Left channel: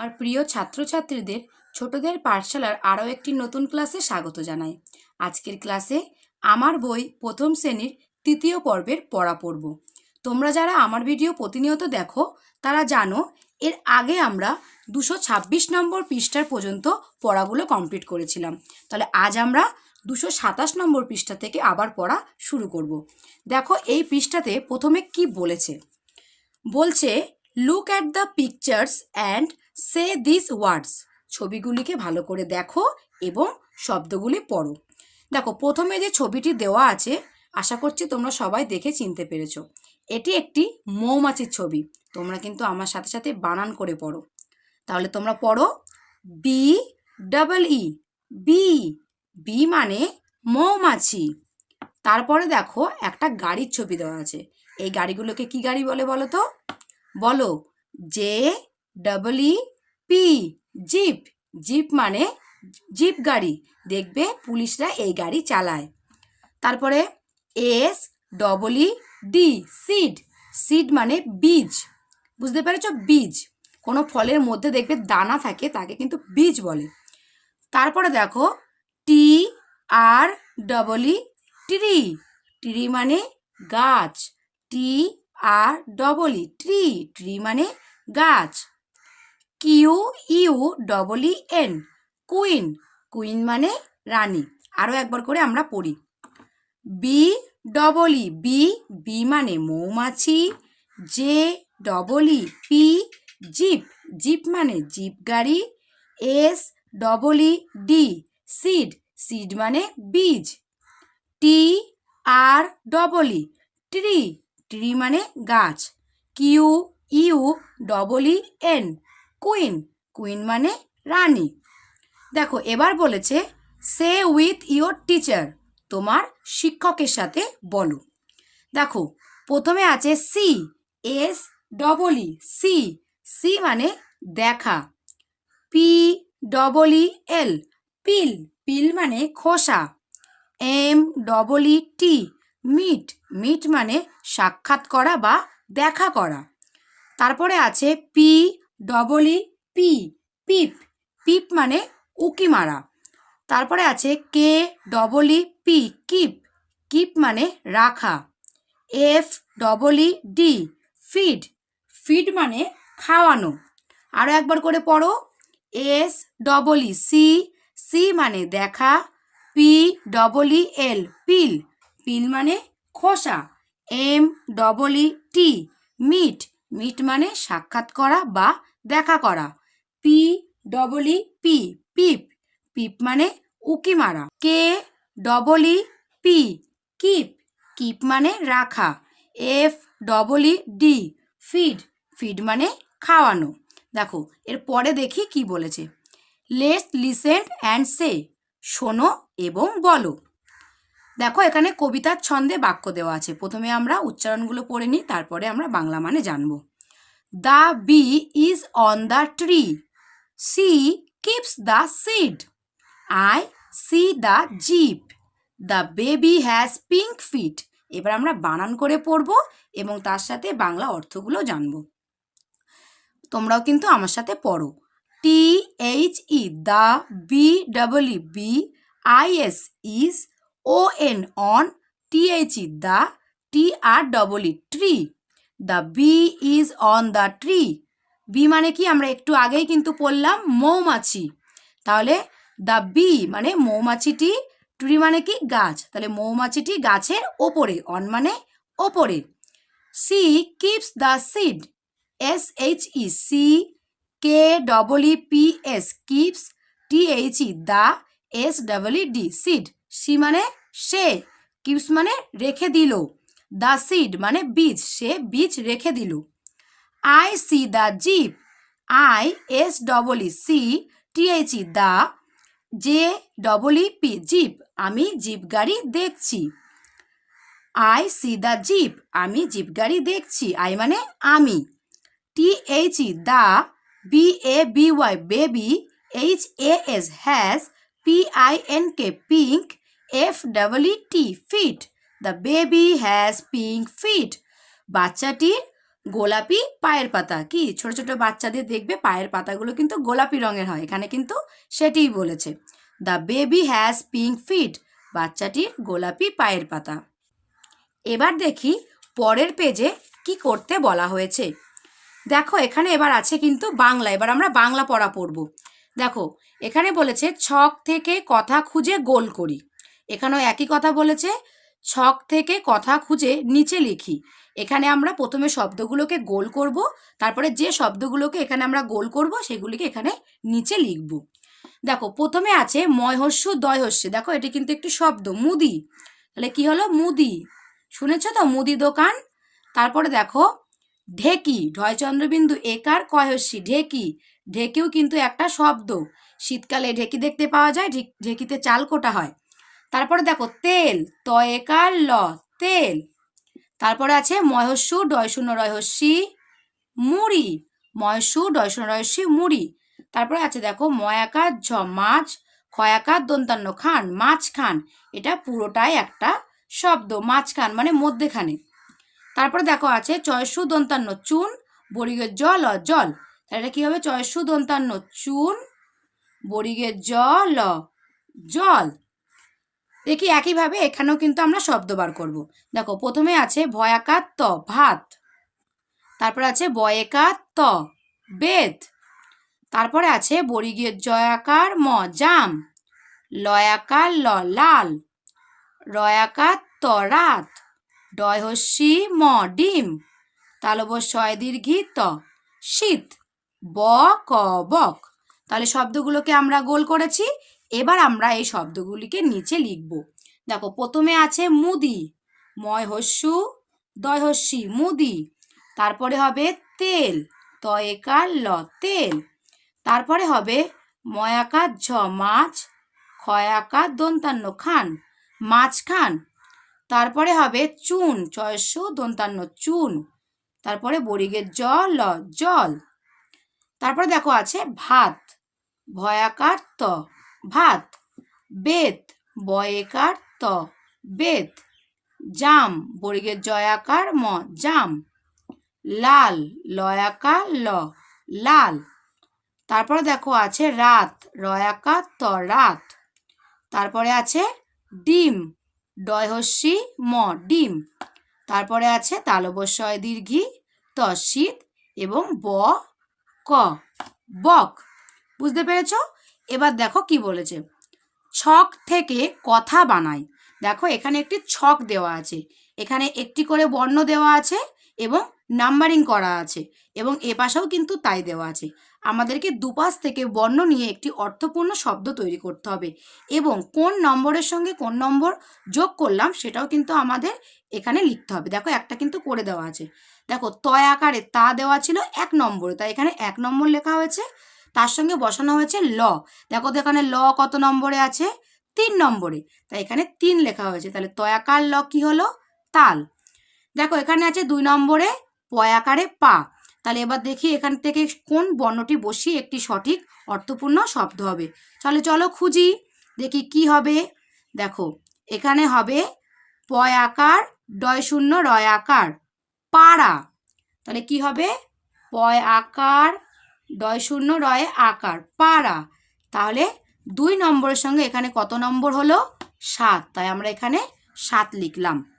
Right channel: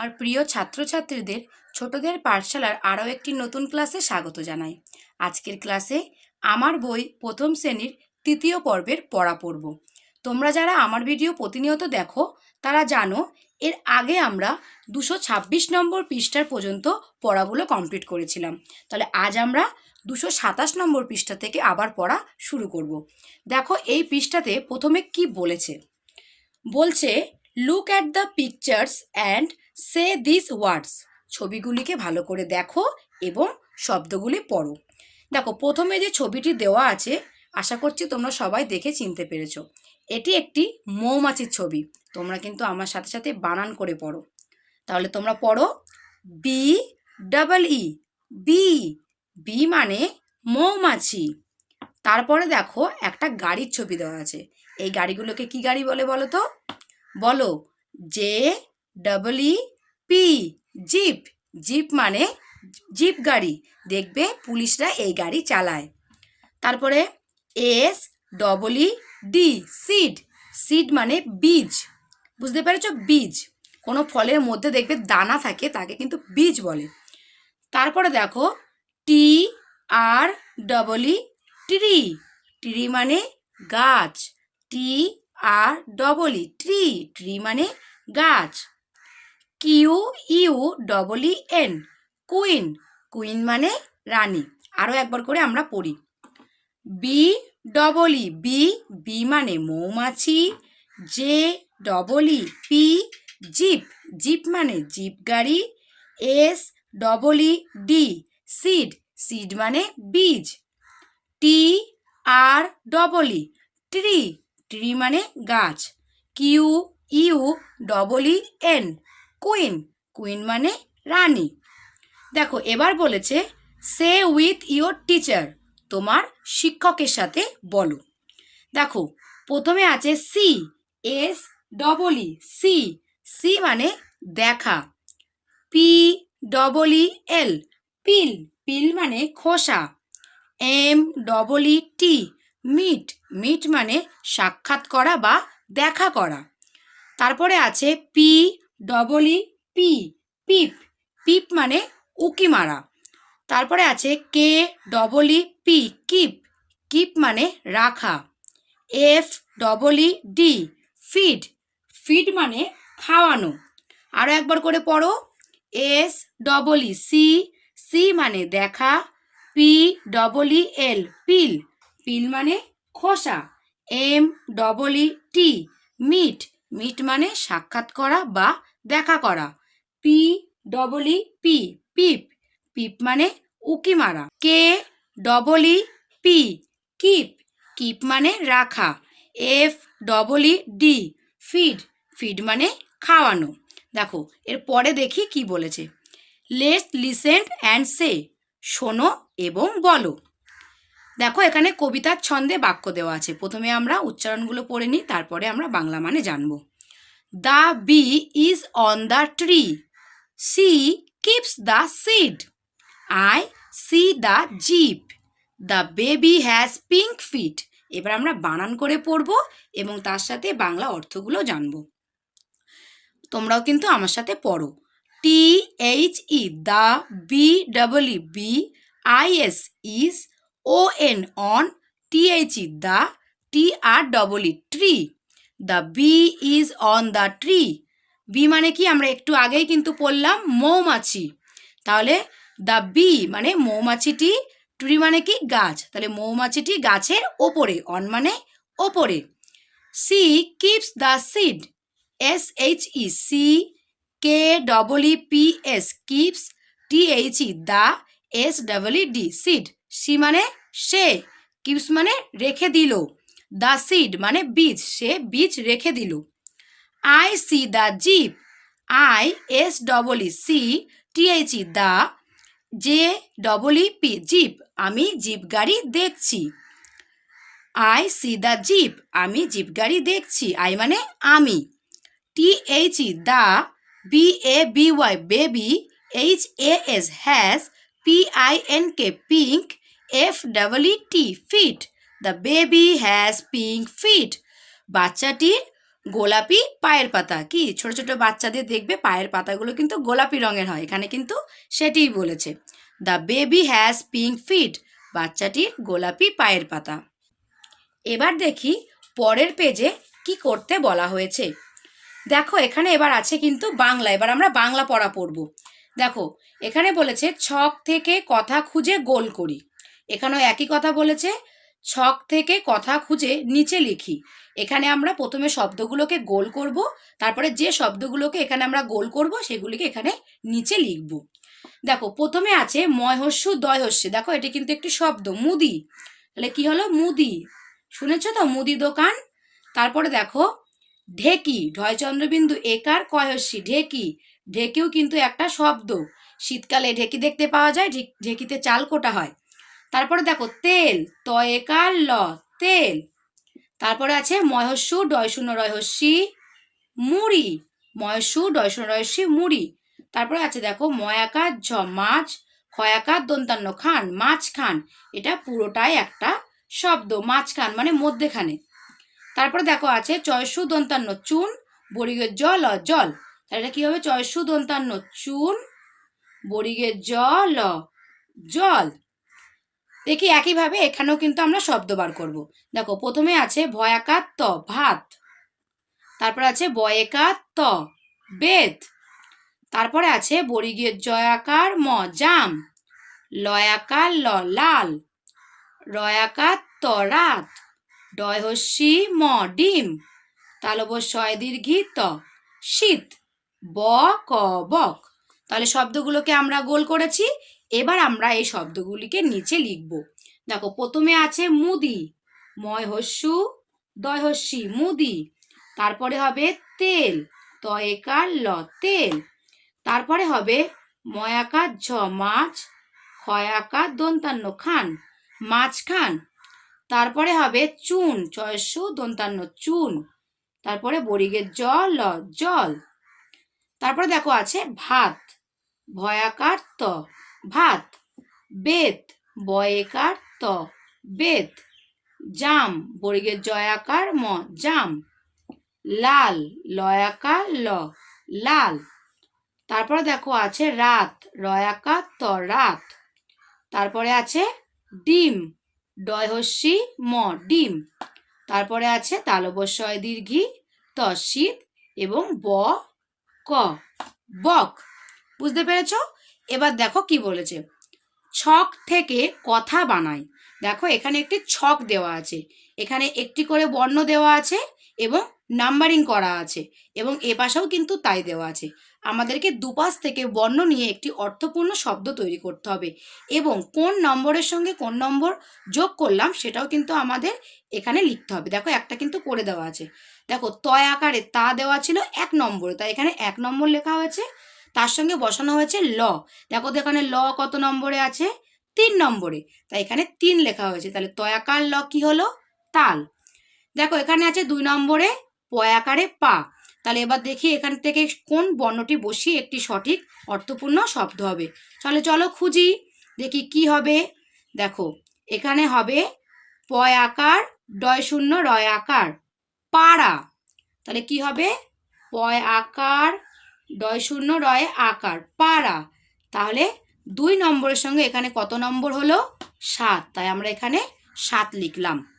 আমার প্রিয় ছাত্রছাত্রীদের ছোটদের পাঠশালার আরও একটি নতুন ক্লাসে স্বাগত জানাই। আজকের ক্লাসে আমার বই প্রথম শ্রেণির তৃতীয় পর্বের পড়া পড়ব। তোমরা যারা আমার ভিডিও প্রতিনিয়ত দেখো, তারা জানো এর আগে আমরা দুশো ছাব্বিশ নম্বর পৃষ্ঠার পর্যন্ত পড়াগুলো কমপ্লিট করেছিলাম। তাহলে আজ আমরা দুশো সাতাশ নম্বর পৃষ্ঠা থেকে আবার পড়া শুরু করব। দেখো এই পৃষ্ঠাতে প্রথমে কি বলেছে? বলছে look at the pictures and say this words ছবিগুলিকে ভালো করে দেখো এবং শব্দগুলি পড়ো। দেখো, প্রথমে যে ছবিটি দেওয়া আছে, আশা করছি তোমরা সবাই দেখে চিনতে পেরেছ। এটি একটি মৌমাছির ছবি। তোমরা কিন্তু আমার সাথে সাথে বানান করে পড়ো। তাহলে তোমরা পড়ো B double E bee bee মানে মৌমাছি। তারপরে দেখো, একটা গাড়ির ছবি দেওয়া আছে। এই গাড়িগুলোকে কি গাড়ি বলে বলো তো? বলো J double E P jeep jeep মানে জিপ গাড়ি। দেখবে পুলিশরা এই গাড়ি চালায়। তারপরে S double E D seed seed মানে বীজ। বুঝতে পেরেছ? বীজ। কোনো ফলের মধ্যে দেখবে দানা থাকে, তাকে কিন্তু বীজ বলে। তারপরে দেখো T R double E tree tree মানে গাছ। T R double E tree tree মানে গাছ। Q, U, double E, N. Queen. Queen মানে রানী। আরও একবার করে আমরা পড়ি। B, double E. Bee bee মানে মৌমাছি। J, double E. P, jeep. Jeep মানে জিপ গাড়ি। S, double E, D. Seed. Seed মানে বীজ। T, R, double E. Tree. Tree মানে গাছ। Q, U, double E, N. Queen queen মানে রানী। দেখো, এবার বলেছে সে উইথ ইয়োর টিচার তোমার শিক্ষকের সাথে বলো। দেখো, প্রথমে আছে see S double E see see মানে দেখা। পি ডবল ই এল পিল পিল মানে খোসা। M double E T meet meet মানে সাক্ষাৎ করা বা দেখা করা। তারপরে আছে P double E P peep peep মানে উকি মারা। তারপরে আছে K double E P keep keep মানে রাখা। F double E D feed feed মানে খাওয়ানো। আরও একবার করে পড়ো। S double E see see মানে দেখা। পি ডবল ই এল পিল পিল মানে খোসা। M double E T meet meet মানে সাক্ষাৎ করা বা দেখা করা। P double E P peep. Peep মানে উকি মারা। K double E P keep. Keep মানে রাখা। F double E D feed. Feed মানে খাওয়ানো। দেখো, এর পরে দেখি কি বলেছে। লেস লিসেন্ট অ্যান্ড সে, শোনো এবং বলো। দেখো, এখানে কবিতার ছন্দে বাক্য দেওয়া আছে। প্রথমে আমরা উচ্চারণগুলো পড়ে নিই, তারপরে আমরা বাংলা মানে জানব। The bee is on the tree she keeps the seed I see the jeep the baby has pink feet এবার আমরা বানান করে পড়ব এবং তার সাথে বাংলা অর্থগুলো জানব। তোমরাও কিন্তু আমার সাথে পড়ো। T H E the B double E bee I S is O N on T H E the T R double E tree the bee is on the tree bee মানে কি? আমরা একটু আগেই কিন্তু পড়লাম মৌমাছি। তাহলে দ্য বি মানে মৌমাছিটি ট্রি মানে কি? গাছ। তাহলে মৌমাছিটি গাছের ওপরে অন মানে ওপরে। She keeps the seed S H E she K double E P S keeps T H E the S double E D seed she মানে সে কিপস মানে রেখে দিল। দ্য সিড মানে বীজ, সে বীজ রেখে দিল। I see the jeep I S double E see T H E the J double E P jeep আমি জিপ গাড়ি দেখছি। আই সি দ্য জিপ আমি জিপ গাড়ি দেখছি। আই মানে আমি। T H E the B A B Y baby H A S has P I N K pink F double E T feet the baby has pink feet বাচ্চাটির গোলাপি পায়ের পাতা। কি? ছোট ছোট বাচ্চাদের দেখবে পায়ের পাতাগুলো কিন্তু গোলাপি রঙের হয়। এখানে কিন্তু সেটিই বলেছে। The baby has pink feet বাচ্চাটির গোলাপি পায়ের পাতা। এবার দেখি পরের পেজে কি করতে বলা হয়েছে। দেখো, এখানে এবার আছে কিন্তু বাংলা। এবার আমরা বাংলা পড়া পড়ব। দেখো, এখানে বলেছে, ছক থেকে কথা খুঁজে গোল করি। এখানেও একই কথা বলেছে ছক থেকে কথা খুঁজে নিচে লিখি। এখানে আমরা প্রথমে শব্দগুলোকে গোল করব, তারপরে যে শব্দগুলোকে এখানে আমরা গোল করব, সেগুলিকে এখানে নিচে লিখব। দেখো, প্রথমে আছে ময়হস্যু, দয়হস্যে। দেখো, এটি কিন্তু একটি শব্দ, মুদি। তাহলে কি হলো? মুদি। শুনেছ তো? মুদি দোকান। তারপরে দেখো, ঢেকি। ঢয় চন্দ্রবিন্দু একার কয়স্যি ঢেকি। ঢেকিও কিন্তু একটা শব্দ। শীতকালে ঢেকি দেখতে পাওয়া যায় ঢেক- ঢেকিতে চাল কোটা হয়। তারপরে দেখো, তেল, তয়েকার ল, তেল। তারপরে আছে মহস্যু ডয় শূন্য রহস্যি, মুড়ি। মহস্যু ডয় শূন্য রহস্যি, মুড়ি। তারপরে আছে দেখো, ময়াকার ঝ, মাছ। খয়াকার দন্তান্ন খান মাছ খান এটা পুরোটাই একটা শব্দ মাছ খান মানে মধ্যেখানে। তারপরে দেখো, আছে চয়সু দন্তান্ন চুন বরিগের জল জল। তাহলে এটা কি হবে? চয়সু দন্তান্ন চুন বরিগের জল জল। দেখি একইভাবে এখানেও কিন্তু আমরা শব্দ বার করব। দেখো, প্রথমে আছে ভয়াকার ত ভাত। তারপরে আছে বয়েকার ত বেদ। তারপরে আছে বরিগের জয়াকার ম, জাম। লয়াকার ল, লাল। রয়াকার ত রাত। ডয়হস্যি, ম, ডিম। তালব শয় দীর্ঘি ত শীত। ব, ক, বক। তাহলে শব্দগুলোকে আমরা গোল করেছি। এবার আমরা এই শব্দগুলিকে নিচে লিখব। দেখো, প্রথমে আছে মুদি ময় হস্যু দয় হস্যি মুদি। তারপরে হবে তেল, তয়েকার ল তেল। তারপরে হবে ময়াকার ঝ মাছ ক্ষয়াকার দন্তান্ন খান মাছ খান তারপরে হবে চুন ছয়শো দন্তান্ন চুন। তারপরে বরিগের জল ল, জল। তারপরে দেখো আছে ভাত, ভয়াকার ত। ভাত বেত বয়েকার ত বেত জাম, বর্গের জয়াকার ম, জাম, লাল লয়াকার ল, লাল। তারপরে দেখো আছে রাত রয়াকার ত, রাত। তারপরে আছে ডিম ডয়হস্যি ম, ডিম। তারপরে আছে তালবস্বয় দীর্ঘি ত শীত এবং ব, ক। বক। বুঝতে পেরেছ? এবার দেখো কি বলেছে। ছক থেকে কথা বানাই দেখো এখানে একটি ছক দেওয়া আছে। এখানে একটি করে বর্ণ দেওয়া আছে এবং নাম্বারিং করা আছে এবং এ পাশেও কিন্তু তাই দেওয়া আছে। আমাদেরকে দুপাশ থেকে বর্ণ নিয়ে একটি অর্থপূর্ণ শব্দ তৈরি করতে হবে এবং কোন নম্বরের সঙ্গে কোন নম্বর যোগ করলাম সেটাও কিন্তু আমাদের এখানে লিখতে হবে। দেখো একটা কিন্তু করে দেওয়া আছে। দেখো তয় আকারে তা দেওয়া ছিল এক নম্বরে। তাই এখানে এক নম্বর লেখা হয়েছে। তার সঙ্গে বসানো হয়েছে ল। দেখো তো এখানে ল কত নম্বরে আছে? তিন নম্বরে। তাই এখানে তিন লেখা হয়েছে। তাহলে তয়াকার ল কি হলো? তাল। দেখো এখানে আছে দুই নম্বরে পয়াকারে পা। তাহলে এবার দেখি এখান থেকে কোন বর্ণটি বসিয়ে একটি সঠিক অর্থপূর্ণ শব্দ হবে। চলো চলো খুঁজি। দেখি কি হবে। দেখো, এখানে হবে পয় আকার ডয় শূন্য রয় আকার। পাড়া। তাহলে কি হবে? পয় আকার ডয় শূন্য রয় আকার, পাড়া। তাহলে দুই নম্বরের সঙ্গে এখানে কত নম্বর হলো? সাত। তাই আমরা এখানে সাত লিখলাম।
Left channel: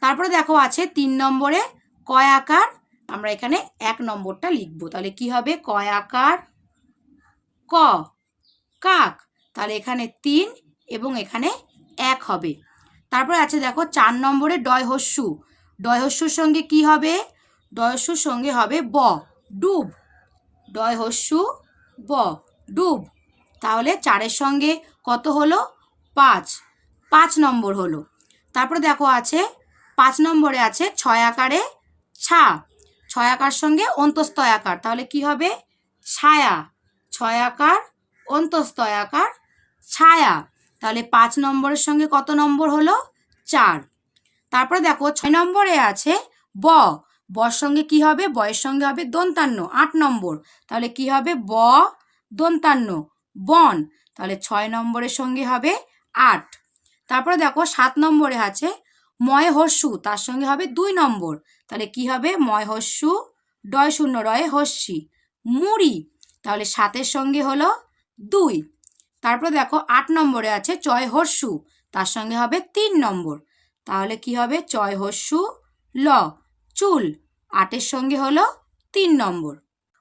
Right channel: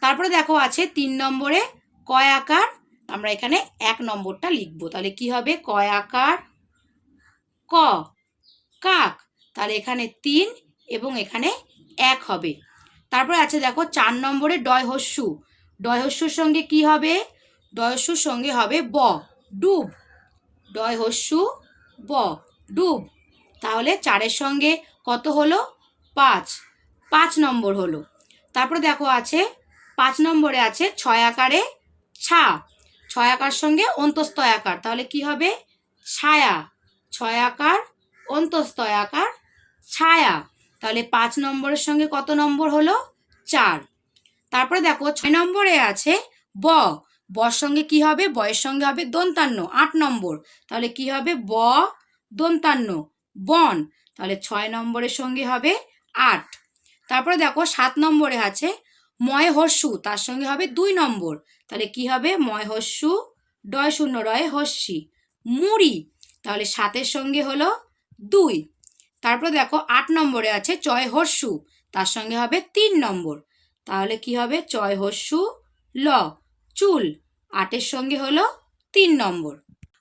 তারপরে দেখো আছে তিন নম্বরে কয় আকার? আমরা এখানে এক নম্বরটা লিখব। তাহলে কি হবে? কয় আকার? ক। কাক। তাহলে এখানে তিন এবং এখানে এক হবে। তারপরে আছে দেখো চার নম্বরে ডয় হস্যু ডয় হস্যুর সঙ্গে কি হবে? ডয় হস্যুর সঙ্গে হবে ব। ডুব। ডয় হস্যু ব। ডুব। তাহলে চারের সঙ্গে কত হলো? পাঁচ। পাঁচ নম্বর হলো। তারপরে দেখো আছে, পাঁচ নম্বরে আছে ছয় আকারে ছা। ছয় আকার সঙ্গে অন্তস্তয় আকার। তাহলে কি হবে? ছায়া। ছয় আকার অন্তস্তয় আকার, ছায়া। তাহলে পাঁচ নম্বরের সঙ্গে কত নম্বর হলো? চার। তারপরে দেখো ছয় নম্বরে আছে ব। বর সঙ্গে কি হবে? বয়ের সঙ্গে হবে দন্তান্ন, আট নম্বর। তাহলে কি হবে? ব, দন্তান্ন, বন। তাহলে ছয় নম্বরের সঙ্গে হবে আট। তারপরে দেখো সাত নম্বরে আছে ময় হর্ষু তার সঙ্গে হবে দুই নম্বর। তাহলে কি হবে? ময় হস্যু ডয় শূন্য রয় হস্যি মুড়ি, তাহলে সাতের সঙ্গে হলো দুই। তারপর দেখো আট নম্বরে আছে চয় হস্যু তার সঙ্গে হবে তিন নম্বর। তাহলে কি হবে? চয় হস্যু ল। চুল। আটের সঙ্গে হলো তিন নম্বর।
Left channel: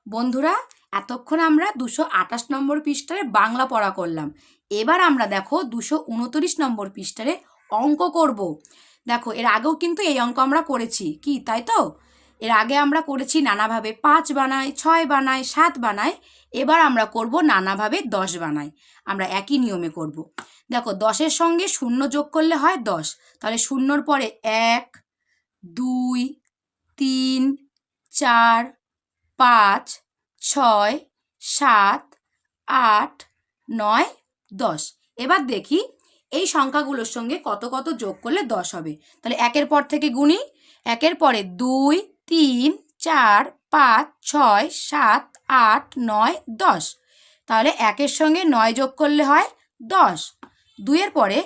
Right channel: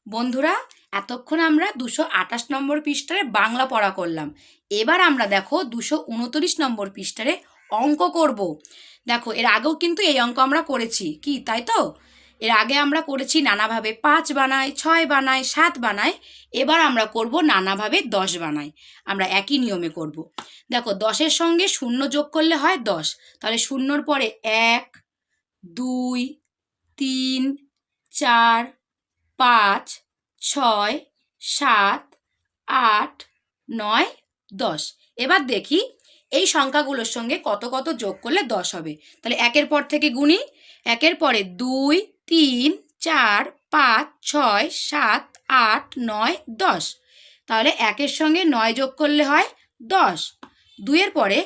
বন্ধুরা, এতক্ষণ আমরা দুশো আঠাশ নম্বর পৃষ্ঠারে বাংলা পড়া করলাম। এবার আমরা দেখো দুশো উনত্রিশ নম্বর পৃষ্ঠারে অঙ্ক করব। দেখো, এর আগেও কিন্তু এই অঙ্ক আমরা করেছি। কি, তাই তো? এর আগে আমরা করেছি নানাভাবে পাঁচ বানাই ছয় বানাই সাত বানায়। এবার আমরা করব নানাভাবে দশ বানায়। আমরা একই নিয়মে করব। দেখো, দশের সঙ্গে শূন্য যোগ করলে হয় দশ। তাহলে শূন্যর পরে এক, দুই তিন, চার, পাঁচ, ছয়, সাত, আট, নয়, দশ। এবার দেখি এই সংখ্যাগুলোর সঙ্গে কত কত যোগ করলে দশ হবে। তাহলে একের পর থেকে গুণি একের পরে দুই, তিন, চার, পাঁচ, ছয়, সাত, আট, নয়, দশ। তাহলে একের সঙ্গে নয় যোগ করলে হয় দশ। দুইয়ের পরে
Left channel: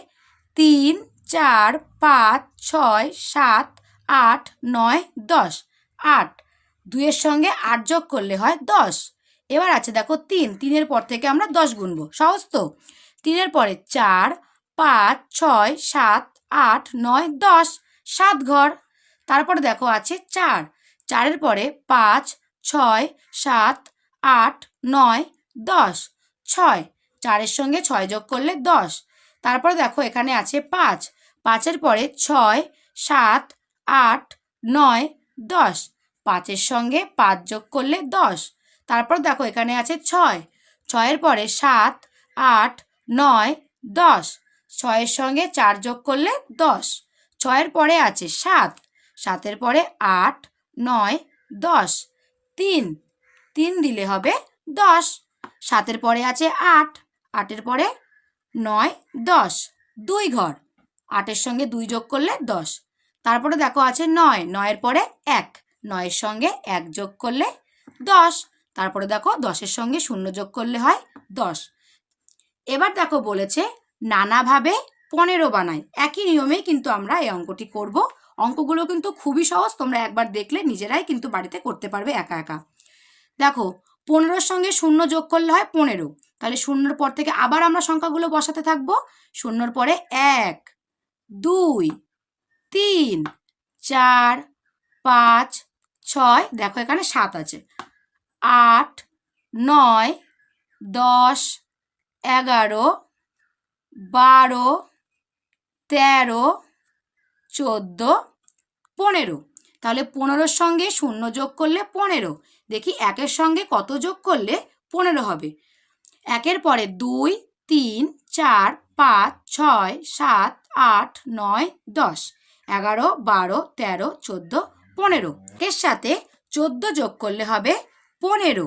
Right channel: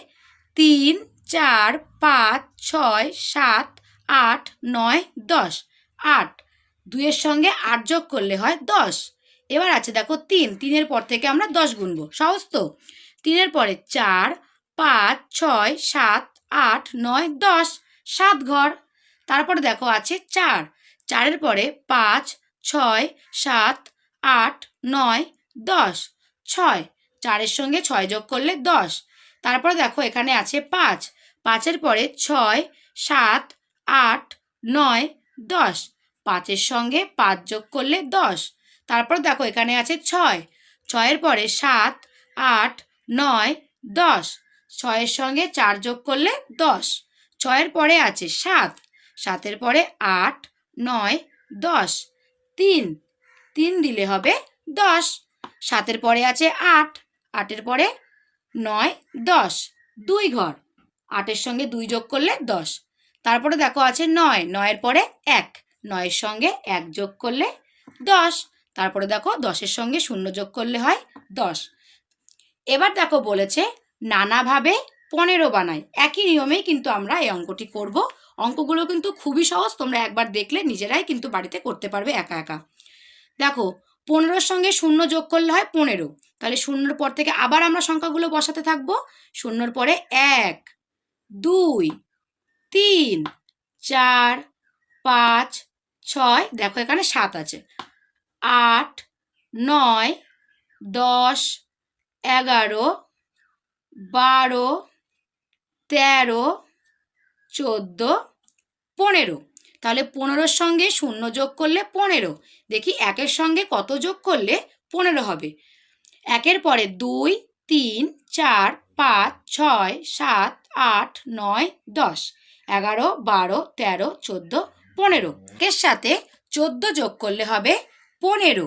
তিন, চার, পাঁচ, ছয়, সাত আট, নয়, দশ। আট, দুইয়ের সঙ্গে আট যোগ করলে হয় দশ। এবার আছে দেখো তিন। তিনের পর থেকে আমরা দশ গুনবো। সহজ তো? তিনের পরে চার, পাঁচ, ছয়, সাত, আট, নয়, দশ, সাত ঘর। তারপরে দেখো আছে চার। চারের পরে পাঁচ, ছয়, সাত, আট, নয়, দশ, ছয়। চারের সঙ্গে ছয় যোগ করলে দশ। তারপরে দেখো এখানে আছে পাঁচ। পাঁচের পরে ছয়, সাত আট, নয়, দশ। পাঁচের সঙ্গে পাঁচ যোগ করলে দশ। তারপর দেখো এখানে আছে ছয়। ছয়ের পরে সাত, আট, নয়, দশ। ছয়ের সঙ্গে চার যোগ করলে দশ। ছয়ের পরে আছে সাত। সাতের পরে আট, নয়, দশ। তিন। তিন দিলে হবে দশ। সাতের পরে আছে আট। আটের পরে নয়, দশ। দুই ঘর। আটের সঙ্গে দুই যোগ করলে দশ। তারপরে দেখো আছে নয়, নয়ের পরে এক। নয়ের সঙ্গে এক যোগ করলে দশ। তারপরে দেখো দশের সঙ্গে শূন্য যোগ করলে হয় দশ। এবার দেখো বলেছে নানাভাবে পনেরো বানাই। একই নিয়মেই কিন্তু আমরা এই অঙ্কটি করব। অঙ্কগুলো কিন্তু খুবই সহজ, তোমরা একবার দেখলে নিজেরাই কিন্তু বাড়িতে করতে পারবে একা একা। দেখো, পনেরোর সঙ্গে শূন্য যোগ করলে হয় পনেরো। তাহলে শূন্যর পর থেকে আবার আমরা সংখ্যাগুলো বসাতে থাকব। শূন্যর পরে এক, দুই তিন, চার, পাঁচ, ছয়, দেখো এখানে সাত আছে। আট, নয়, দশ, এগারো, বারো, তেরো, চোদ্দ, পনেরো। তাহলে পনেরোর সঙ্গে শূন্য যোগ করলে পনেরো। দেখি একের সঙ্গে কত যোগ করলে পনেরো হবে? একের পরে দুই, তিন, চার, পাঁচ, ছয়, সাত, আট, নয়, দশ। এগারো, বারো, তেরো, চোদ্দ, পনেরো। এর সাথে চোদ্দ যোগ করলে হবে পনেরো।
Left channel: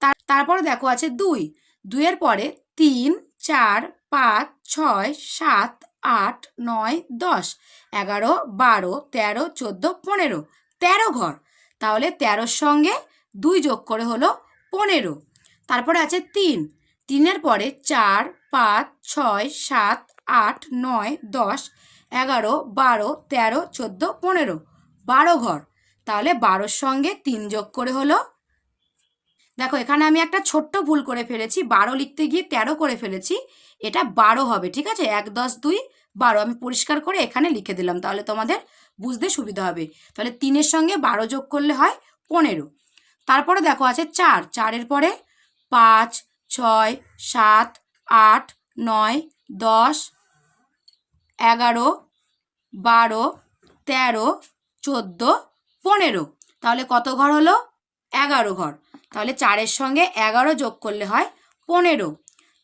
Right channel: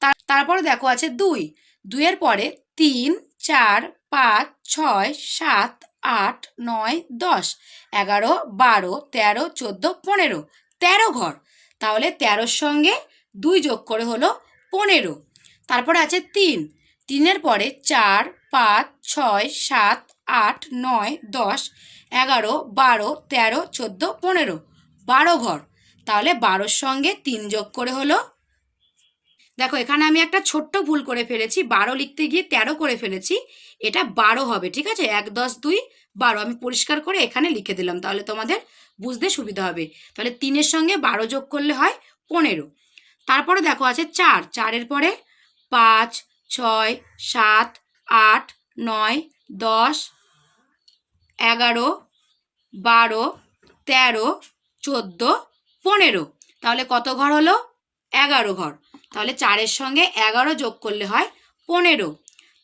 তার, তারপরে দেখো আছে দুই। দুইয়ের পরে তিন, চার, পাঁচ, ছয়, সাত, আট, নয়, দশ। এগারো, বারো, তেরো, চোদ্দ, পনেরো। তেরো ঘর। তাহলে তেরোর সঙ্গে দুই যোগ করে হলো পনেরো। তারপরে আছে তিন। তিনের পরে চার, পাঁচ, ছয়, সাত, আট, নয়, দশ। এগারো, বারো, তেরো, চোদ্দ, পনেরো। বারো ঘর। তাহলে বারোর সঙ্গে তিন যোগ করে হলো, দেখো এখানে আমি একটা ছোট্ট ভুল করে ফেলেছি, বারো লিখতে গিয়ে তেরো করে ফেলেছি, এটা বারো হবে, ঠিক আছে? এক, দশ, দুই, বারো। আমি পরিষ্কার করে এখানে লিখে দিলাম, তাহলে তোমাদের বুঝতে সুবিধা হবে। তাহলে তিনের সঙ্গে বারো যোগ করলে হয় পনেরো। তারপরে দেখো আছে চার। চারের পরে পাঁচ, ছয়, সাত, আট, নয়, দশ এগারো, বারো, তেরো, চোদ্দ, পনেরো। তাহলে কত ঘর হলো? এগারো ঘর। তাহলে চারের সঙ্গে এগারো যোগ করলে হয় পনেরো।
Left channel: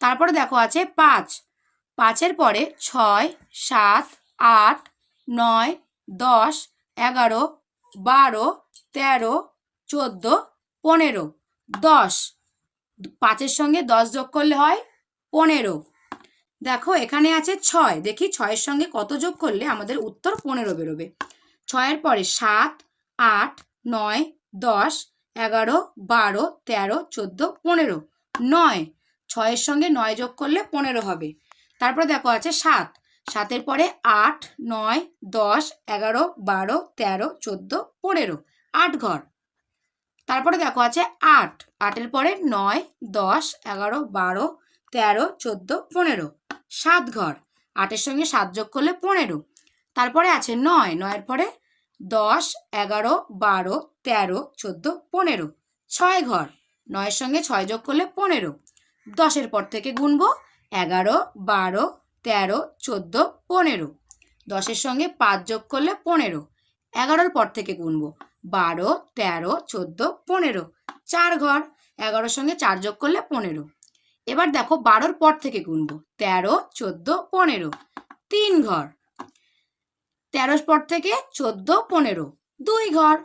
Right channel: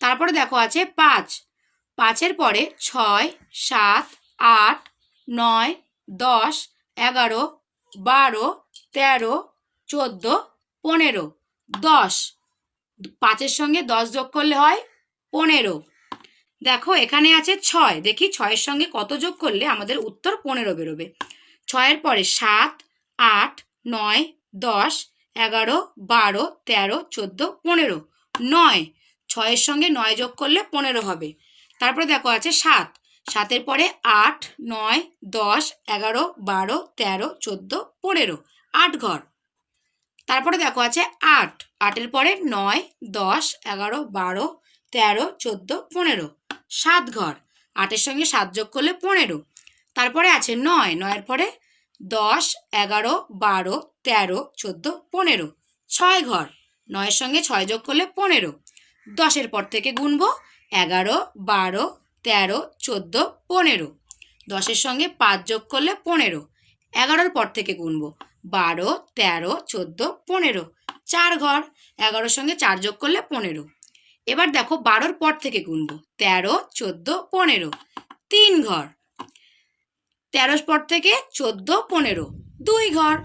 তারপরে দেখো আছে পাঁচ। পাঁচের পরে ছয়, সাত, আট, নয়, দশ, এগারো, বারো, তেরো, চোদ্দ, পনেরো। দশ। পাঁচের সঙ্গে দশ যোগ করলে হয় পনেরো। দেখো, এখানে আছে ছয়। দেখি ছয়ের সঙ্গে কত যোগ করলে আমাদের উত্তর পনেরো বেরোবে। ছয়ের পরে সাত, আট, নয়, দশ, এগারো, বারো, তেরো, চোদ্দ, পনেরো। নয়। ছয়ের সঙ্গে নয় যোগ করলে পনেরো হবে। তারপরে দেখো আছে সাত। সাতের পরে আট, নয়, দশ, এগারো, বারো, তেরো, চোদ্দ, পনেরো। আট ঘর। তারপরে দেখো আছে আট। আটের পরে নয়, দশ, এগারো, বারো, তেরো, চোদ্দ, পনেরো। সাত ঘর। আটের সঙ্গে সাত যোগ করলে পনেরো। তারপরে আছে নয়। নয়ের পরে দশ, এগারো, বারো, তেরো, চোদ্দ, পনেরো। ছয় ঘর। নয়ের সঙ্গে ছয় যোগ করলে পনেরো। দশের পর থেকে গুনবো এগারো, বারো, তেরো, চোদ্দ, পনেরো। দশের সঙ্গে পাঁচ যোগ করলে পনেরো। এগারোর পর থেকে গুনবো বারো, তেরো, চোদ্দ, পনেরো। চার ঘর। এগারোর সঙ্গে চার যোগ করলে পনেরো। এবার দেখো বারোর পর থেকে গুনবো। তেরো, চোদ্দ, পনেরো। তিন ঘর। তেরোর পর থেকে চোদ্দ, পনেরো। দুই ঘর।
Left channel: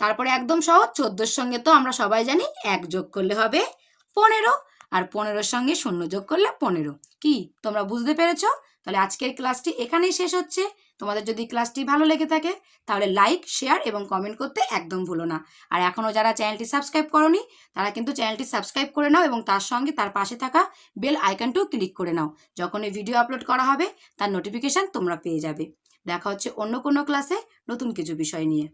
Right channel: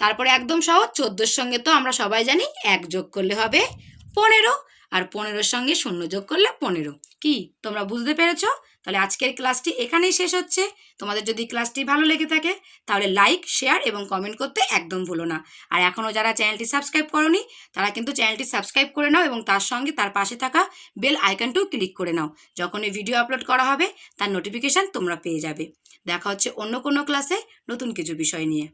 তারপরে একদম সহজ, চোদ্দোর সঙ্গে তো আমরা সবাই জানি এক যোগ করলে হবে পনেরো। আর পনেরোর সঙ্গে শূন্য যোগ করলে পনেরো। কি? তোমরা বুঝতে পেরেছ? তাহলে আজকের ক্লাসটি এখানেই শেষ হচ্ছে। তোমাদের যদি ক্লাসটি ভালো লেগে থাকে, তাহলে লাইক শেয়ার এবং কমেন্ট করতে একদম ভুলো না। আর এখনও যারা চ্যানেলটি সাবস্ক্রাইব করনি, তারা কিন্তু চ্যানেলটি সাবস্ক্রাইব করে নাও এবং তার সঙ্গে তার পাশে থাকা বেল আইকনটিও ক্লিক করে নাও। যখন এই ভিডিও আপলোড করা হবে, তার নোটিফিকেশান তোমরা পেয়ে যাবে। দেখা হচ্ছে অন্য কোনো ক্লাসে নতুন কিছু বিষয় নিয়ে।